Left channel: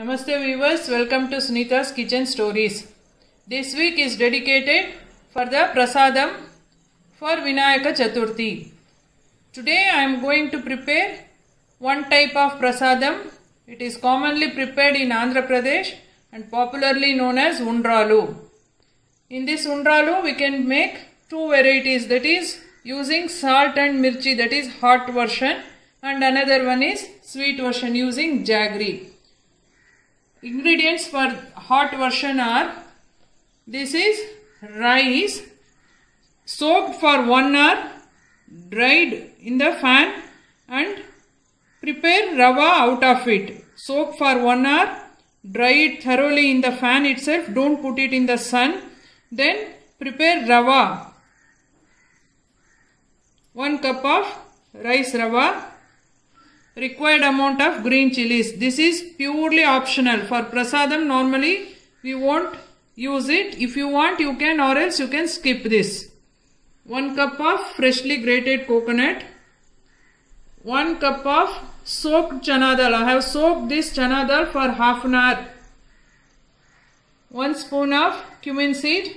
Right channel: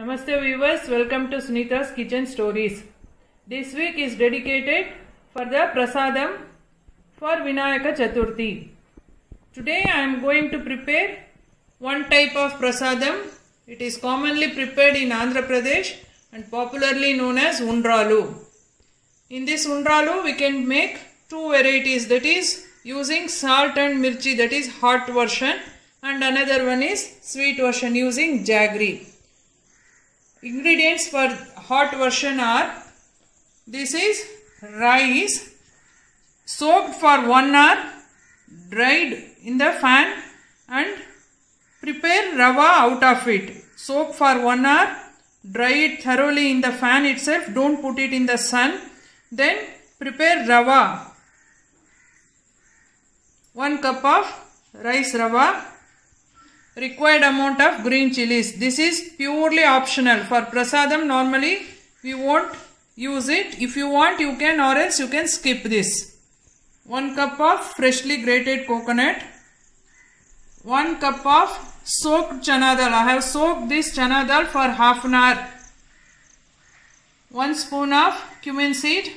Namaste viewers, welcome to Sunita's Kitchen Stories. This week is dedicated for the Prasadam for Vinayaka Chaturthi. Today I am going to prepare one type of Prasadam. It is commonly prepared in Andhra Pradesh and popularly known as Undralu. In this Undralu we can make two varieties, that is using salt and mirchi, that is hot version, and another one is sweet version using jaggery. Ingredients for hot version are, this is rice soaked for 1 hour, dried in the fan, and prepare rava out of it. Soak for 1 hour, dry it thoroughly in the fan itself, don't put it in the sun. Then prepare rava, 1 cup of rice rava. Required amount of green chilies. This is purely optional. For prasadam normally we won't use it. If you want you can, or else you can skip this. 1 cup of freshly grated coconut. 1 cup of soaked chana dal. I have soaked this chana dal for half an hour. 1 spoon of cumin seed.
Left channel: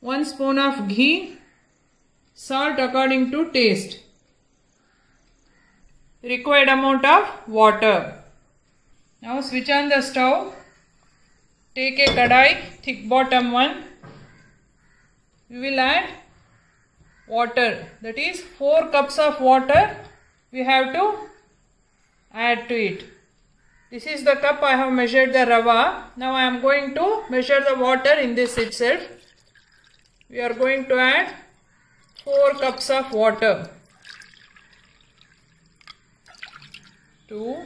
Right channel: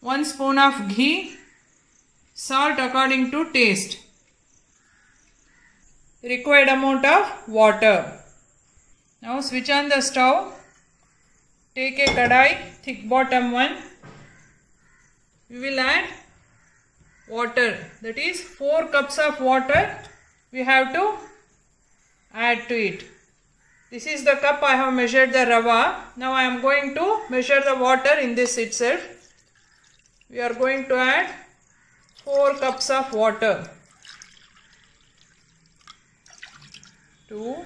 1 spoon of ghee. Salt according to taste. Required amount of water. Now switch on the stove. Take a kadai, thick bottom one. We will add water, that is 4 cups of water we have to add to it. This is the cup I have measured the rava. Now I am going to measure the water in this itself. We are going to add 4 cups of water. 2,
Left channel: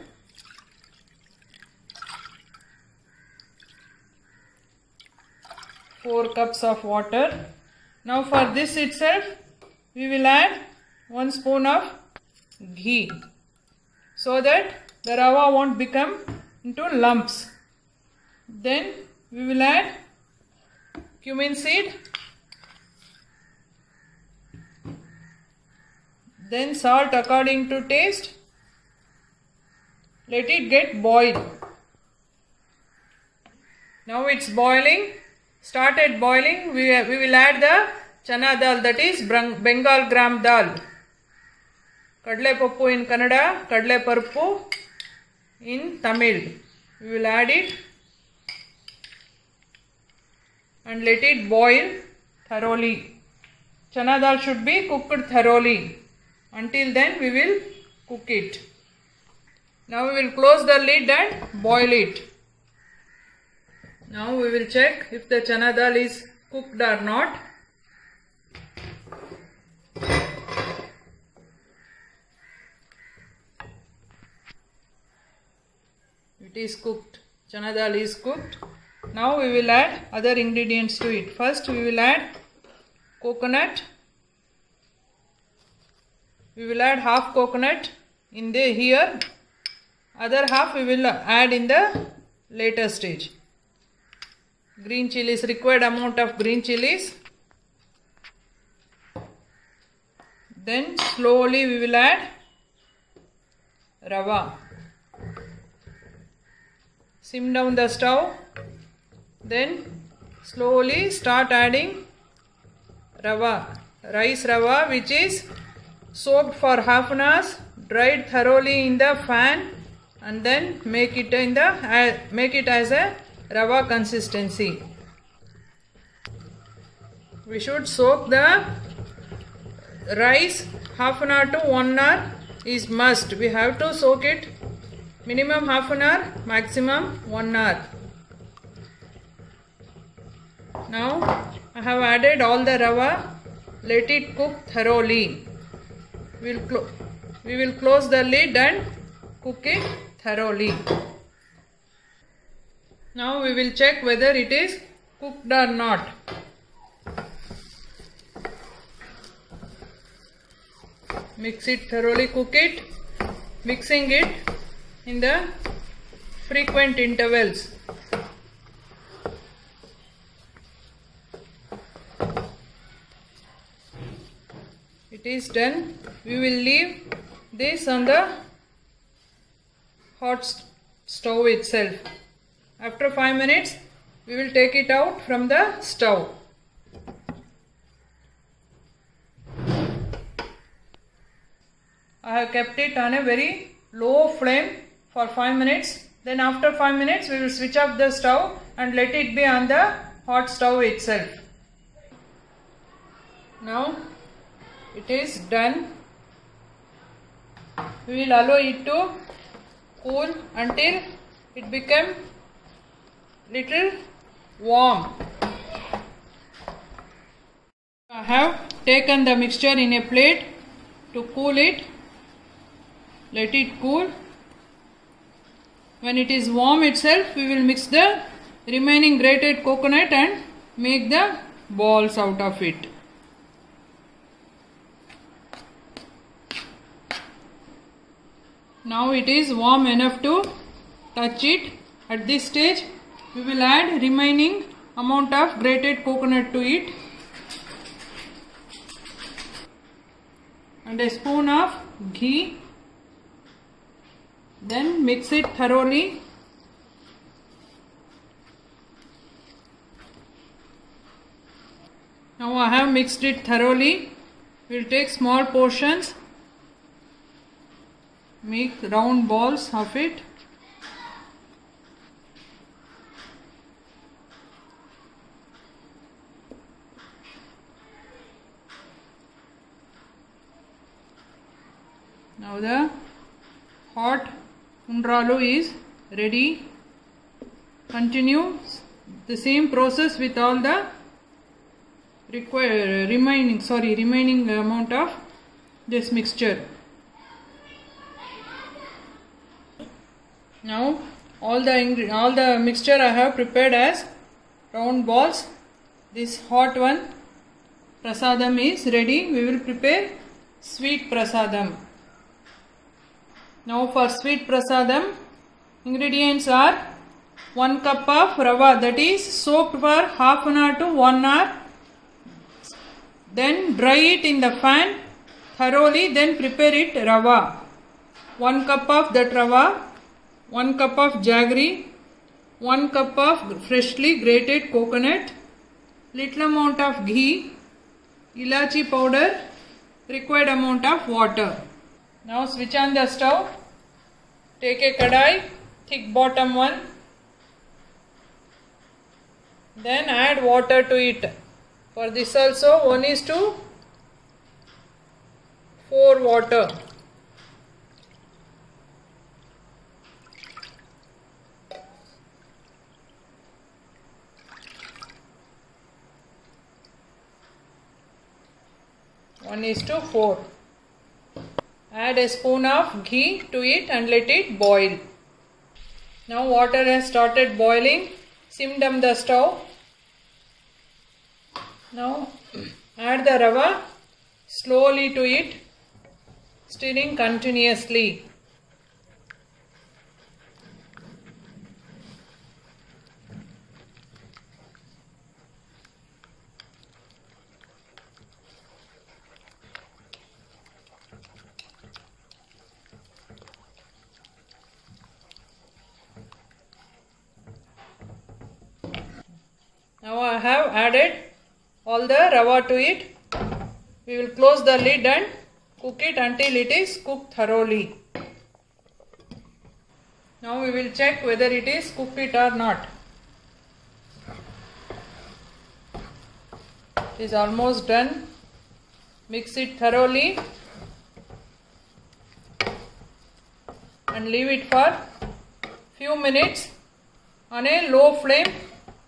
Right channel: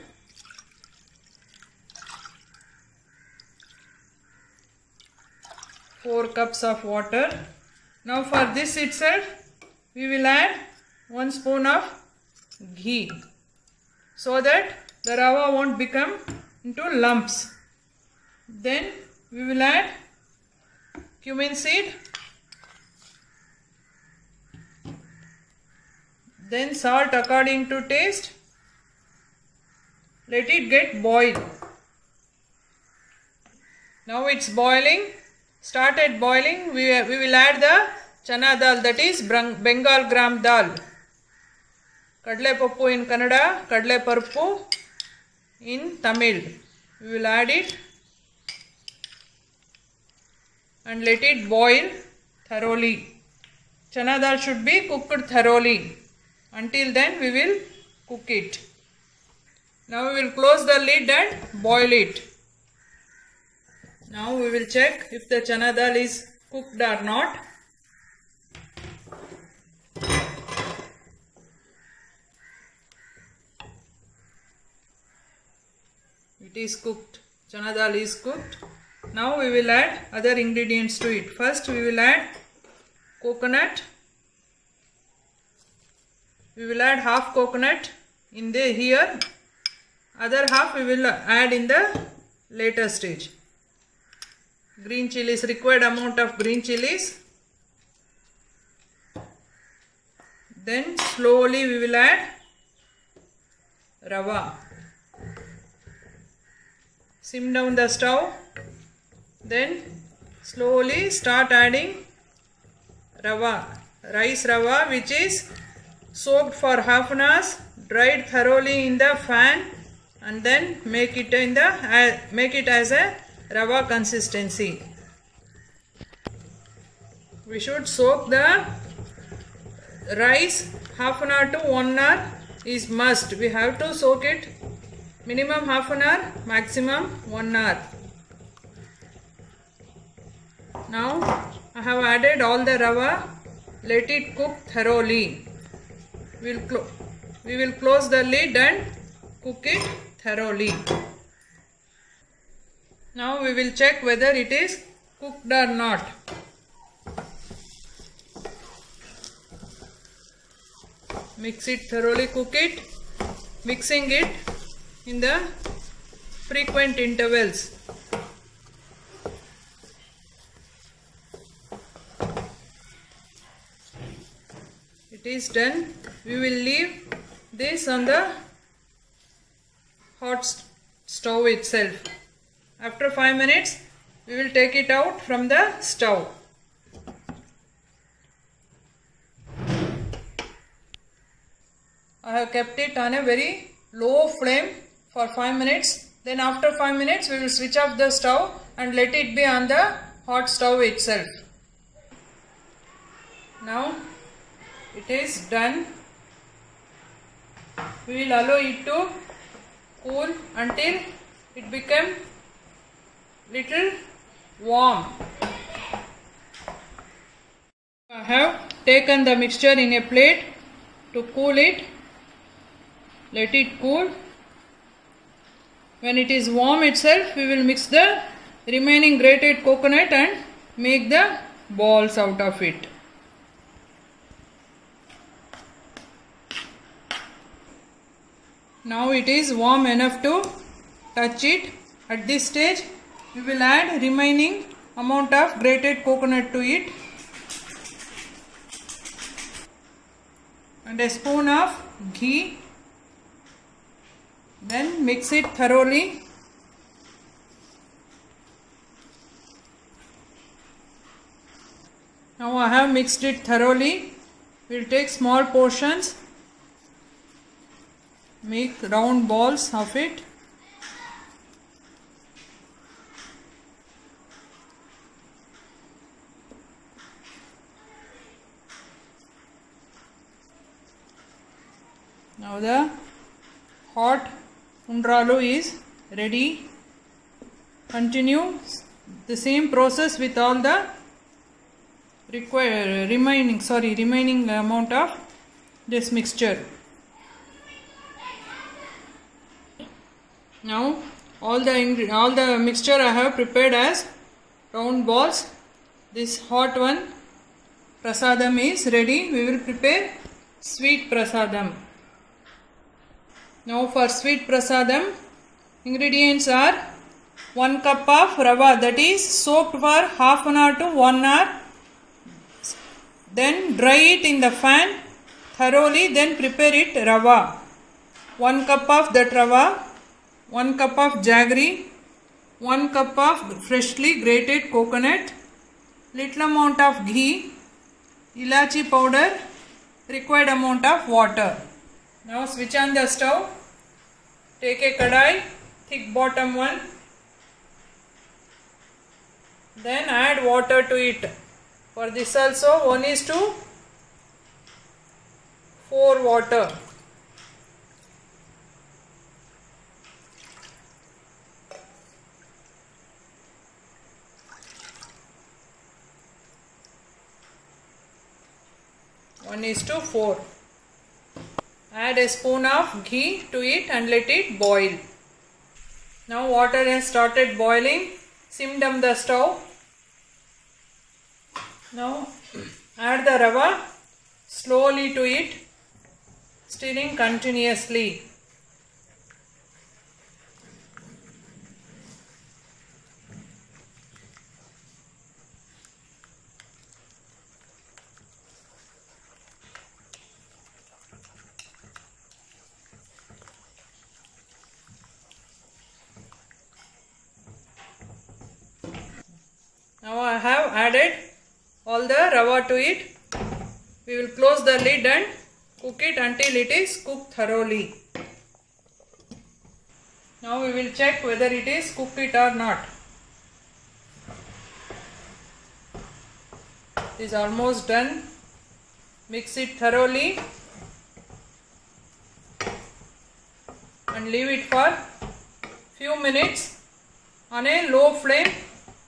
4 cups of water. Now for this itself we will add 1 spoon of ghee so that the rava won't become into lumps. Then we will add cumin seed. Then salt according to taste. Let it get boiled. Now it's boiling. Started boiling. We will add the chana dal, that is Bengal gram dal. Kadle pappu in Kannada, kadle paruppu in Tamil. We will add it and let it boil thoroughly. Chana dal should be cooked thoroughly. Until then we will cook it. Now we will close the lid and boil it. Now we will check if the chana dal is cooked or not. It is cooked. Chana dal is cooked. Now we will add other ingredients to it. First we will add coconut. We will add half coconut in the here. Other half we will add in the later stage. Green chilies, required amount of green chilies. Then slowly we will add rava. Sim down the stove. Then slowly start adding rava. Rice rava, which is soaked for half an hour, dried thoroughly in the fan, and then make it as a rava consistency. We should soak the rice half an hour to 1 hour is must. We have to soak it minimum half an hour, maximum 1 hour. Now I have added all the rava. Let it cook thoroughly. We will close the lid and cook it thoroughly. Now we will check whether it is cooked or not. Mix it thoroughly, cook it, mixing it in the frequent intervals. It is done. We will leave this on the hot stove itself. After 5 minutes, we will take it out from the stove. I have kept it on a very low flame for 5 minutes. Then after 5 minutes, we will switch off the stove and let it be on the hot stove itself. Now it is done. We will allow it to cool until it become little warm. I have taken the mixture in a plate to cool it. Let it cool. When it is warm itself, we will mix the remaining grated coconut and make the balls out of it. Now it is warm enough to touch it. At this stage, we will add remaining amount of grated coconut to it and a spoon of ghee. Then mix it thoroughly. Now I have mixed it thoroughly. We will take small portions, make round balls of it. Now the hot undralu is ready. Continue the same process with all the remaining amount of this mixture. Now all the mixture I have prepared as round balls. This hot one prasadam is ready. We will prepare sweet prasadam. Now for sweet prasadam, ingredients are 1 cup of rava, that is soaked for half an hour to 1 hour. Then dry it in the fan thoroughly, then prepare it rava. 1 cup of that rava, 1 cup of jaggery, 1 cup of freshly grated coconut, little amount of ghee, ilachi powder, required amount of water. Now switch on the stove. Take a kadai, thick bottom one. Then add water to it. For this also 1:4 water. One is to 4. Add a spoon of ghee to it and let it boil. Now water has started boiling. Sim down the stove. Now add the rava slowly to it, stirring continuously. Now I have added all the rava to it. We will close the lid and cook it until it is cooked thoroughly. Now we will check whether it is cooked it or not. It is almost done. Mix it thoroughly and leave it for few minutes on a low flame,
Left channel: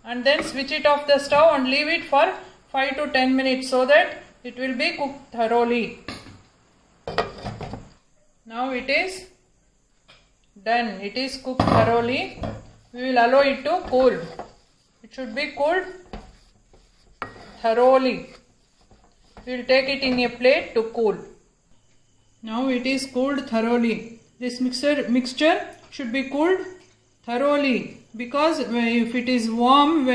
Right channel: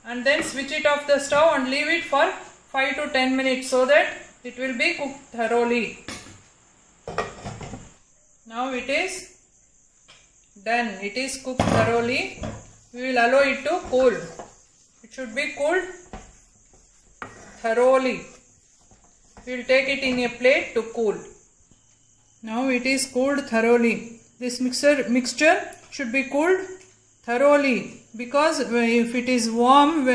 and then switch it off the stove and leave it for 5 to 10 minutes so that it will be cooked thoroughly. Now it is done. It is cooked thoroughly. We will allow it to cool. It should be cooled thoroughly. We will take it in a plate to cool. Now it is cooled thoroughly. This mixture should be cooled thoroughly, because if it is warm,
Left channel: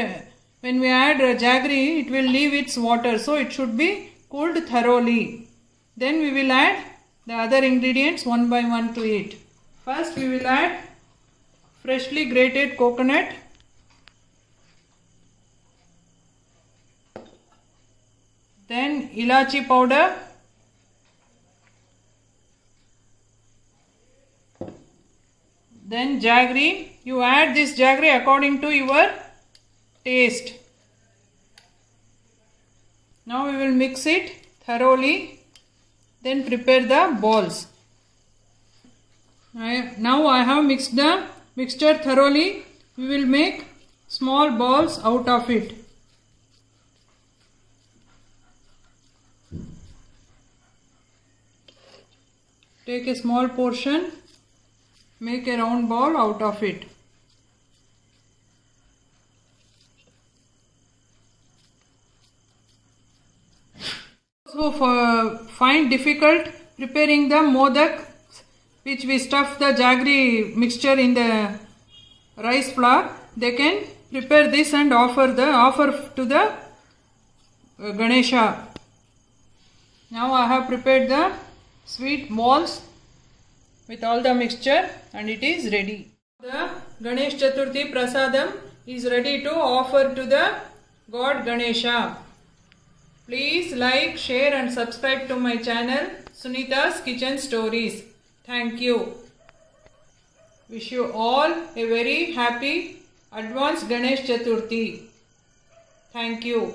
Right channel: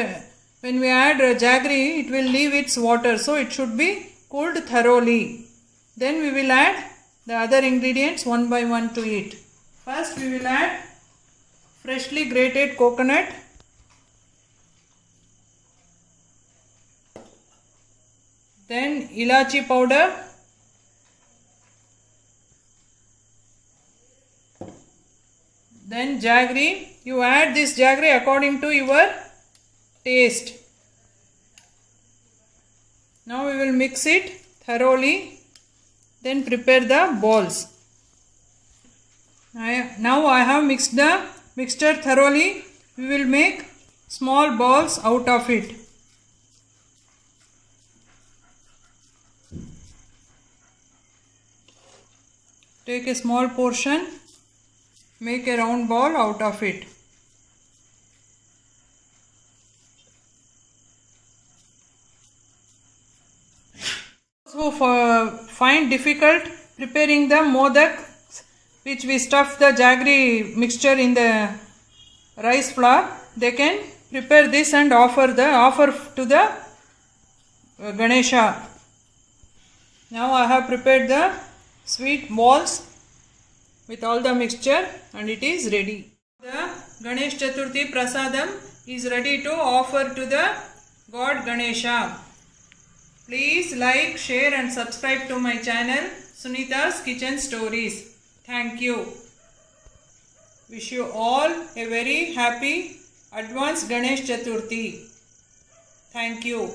when we add jaggery, it will leave its water. So it should be cooled thoroughly. Then we will add the other ingredients one by one to it. First we will add freshly grated coconut, then ilachi powder, then jaggery. You add this jaggery according to your taste. Now we will mix it thoroughly, then prepare the balls. Now I have mixed the mixture thoroughly. We will make small balls out of it. Take a small portion, make a round ball out of it. So find difficult preparing the modak, which we stuff the jaggery mixture in the rice flour, they can prepare this and offer to the Ganesha. Now I have prepared the sweet balls with all the mixture and it is ready. The Ganesh Chaturthi Prasadam is ready to offer to the God Ganesha. Please like, share and subscribe to my channel Sunita's Kitchen Stories. Thank you. Wish you all a very happy advanced Ganesh Chaturthi. Thank you.